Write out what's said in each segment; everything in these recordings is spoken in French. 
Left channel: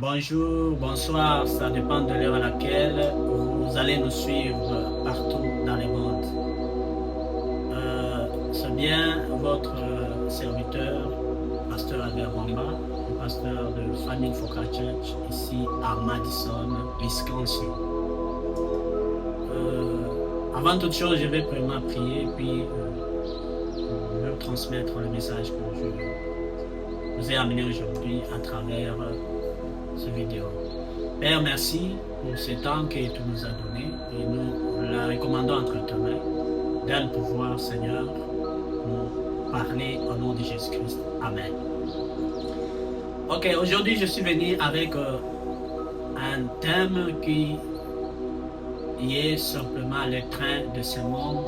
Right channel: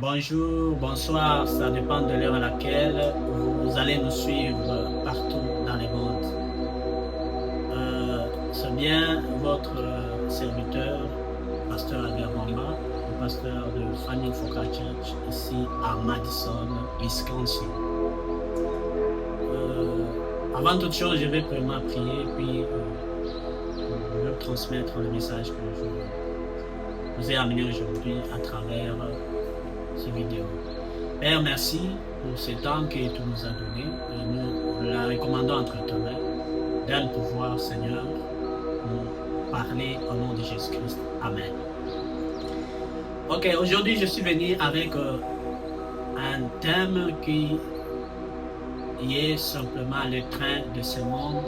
Bonjour, bonsoir, ça dépend de l'heure à laquelle vous allez nous suivre partout dans le monde. C'est bien votre serviteur, pasteur Albert Bamba, le pasteur de Family Focal Church, ici à Madison, Wisconsin. Avant toute chose, je vais premièrement prier, puis je vais transmettre le message que je vous ai amené aujourd'hui à travers cette vidéo. Père, merci pour ce temps que tu nous as donné et nous la recommandons entre tes mains. Donne pouvoir, Seigneur, nous parler au nom de Jésus-Christ. Amen. Ok, aujourd'hui je suis venu avec un thème qui est simplement le train de ce monde.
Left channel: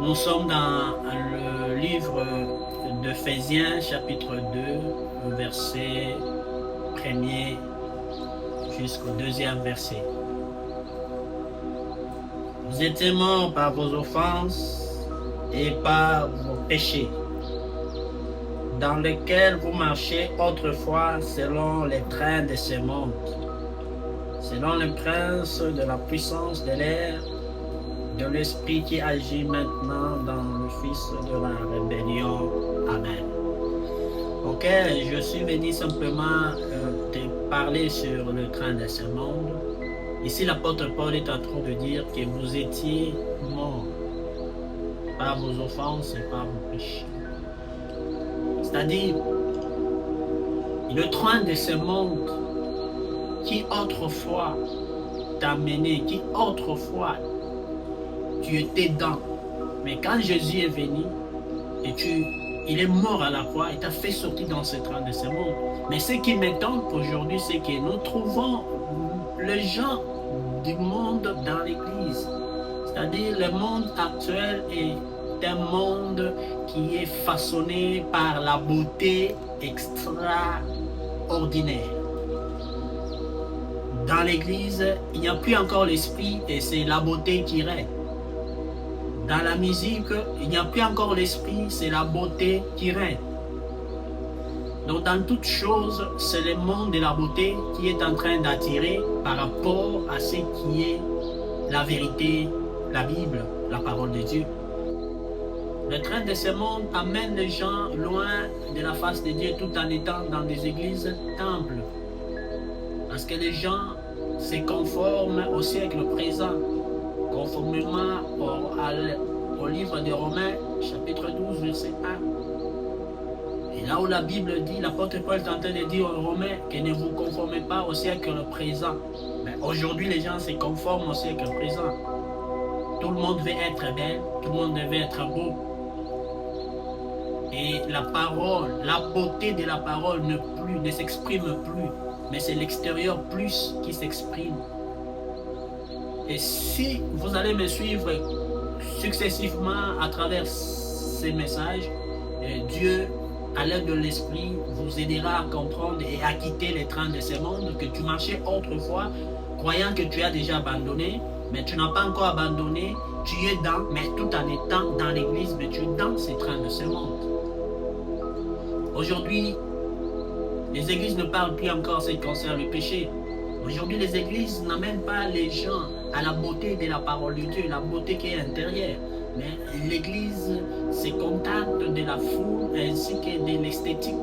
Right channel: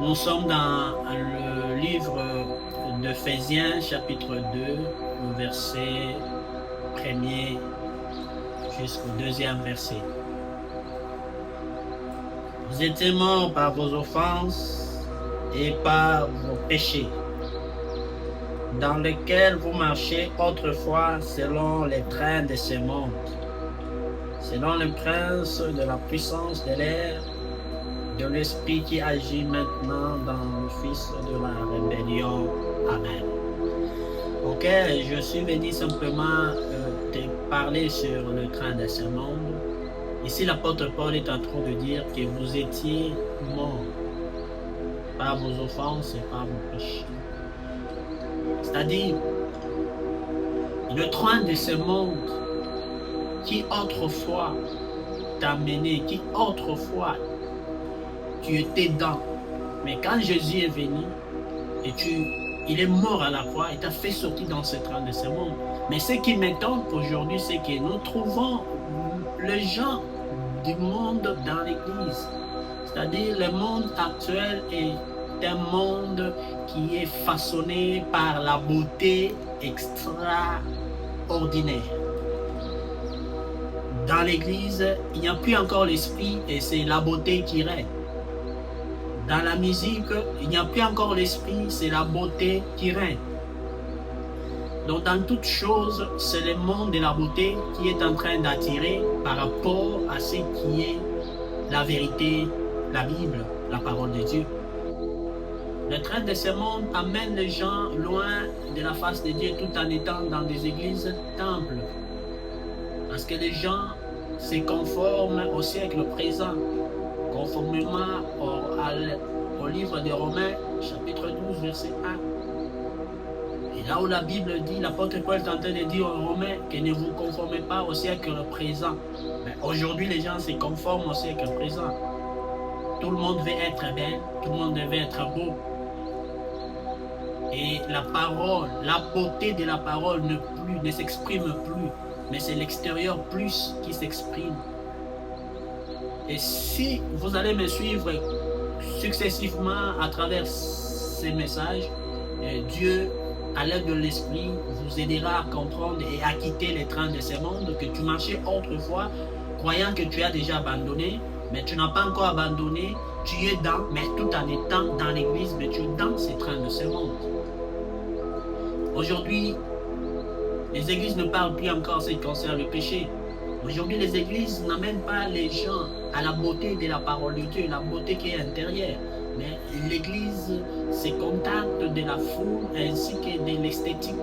Nous sommes dans le livre d'Éphésiens chapitre 2, verset 1er jusqu'au 2e verset. Vous étiez morts par vos offenses et par vos péchés, dans lesquels vous marchez autrefois selon les trains de ce monde, selon le prince de la puissance de l'air, de l'esprit qui agit maintenant dans le fils de la rébellion. Amen. Ok, je suis venu simplement te parler sur le train de ce monde. Ici, l'apôtre Paul est en train de dire que vous étiez morts par vos offenses et par vos péchés. C'est-à-dire, le train de ce monde qui autrefois t'a mené, qui autrefois tu étais dans. Mais quand Jésus est venu et il est mort à la croix, il t'a fait sortir dans ce train de ce monde. Mais ce qui m'étonne aujourd'hui, c'est que nous trouvons les gens du monde dans l'Église. C'est-à-dire le monde actuel est un monde qui est façonné par la beauté extraordinaire. Dans l'Église, il n'y a plus encore l'esprit et c'est la beauté qui règne. Dans la musique, il n'y a plus encore l'esprit, c'est la beauté qui règne. Donc dans toute chose, c'est le monde de la beauté qui est en train d'attirer par rapport à ce qui est la vérité, la Bible, la parole de Dieu. Le train de ce monde amène les gens loin de la face de Dieu tout en étant dans des églises temples. Parce que les gens se conforment au siècle présent. Conformément au livre de Romains, chapitre 12, verset 1. Et là où la Bible dit, l'apôtre Paul est en train de dire aux Romains que ne vous conformez pas au siècle présent. Mais aujourd'hui, les gens se conforment au siècle présent. Tout le monde veut être belle, tout le monde veut être beau. Et la parole, la beauté de la parole ne s'exprime plus, mais c'est l'extérieur plus qui s'exprime. Et si vous allez me suivre successivement à travers ces messages, Dieu, à l'aide de l'Esprit, vous aidera à comprendre et à quitter les trains de ce monde que tu marchais autrefois, croyant que tu as déjà abandonné, mais tu n'as pas encore abandonné, tu es dans, mais tout en étant dans l'église, mais tu es dans ces trains de ce monde. Aujourd'hui, les églises ne parlent plus encore ce qui concerne le péché. Aujourd'hui, les églises n'amènent pas les gens à la beauté de la parole de Dieu, la beauté qui est intérieure. Mais l'église se contente de la foule ainsi que de l'esthétique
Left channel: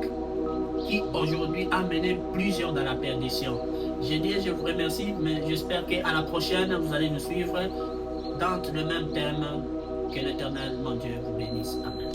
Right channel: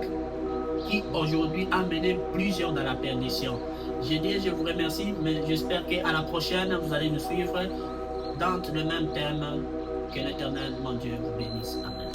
qui aujourd'hui a mené plusieurs dans la perdition. Je vous remercie, mais j'espère qu'à la prochaine, vous allez nous suivre dans le même thème. Que l'Éternel, mon Dieu, vous bénisse. Amen.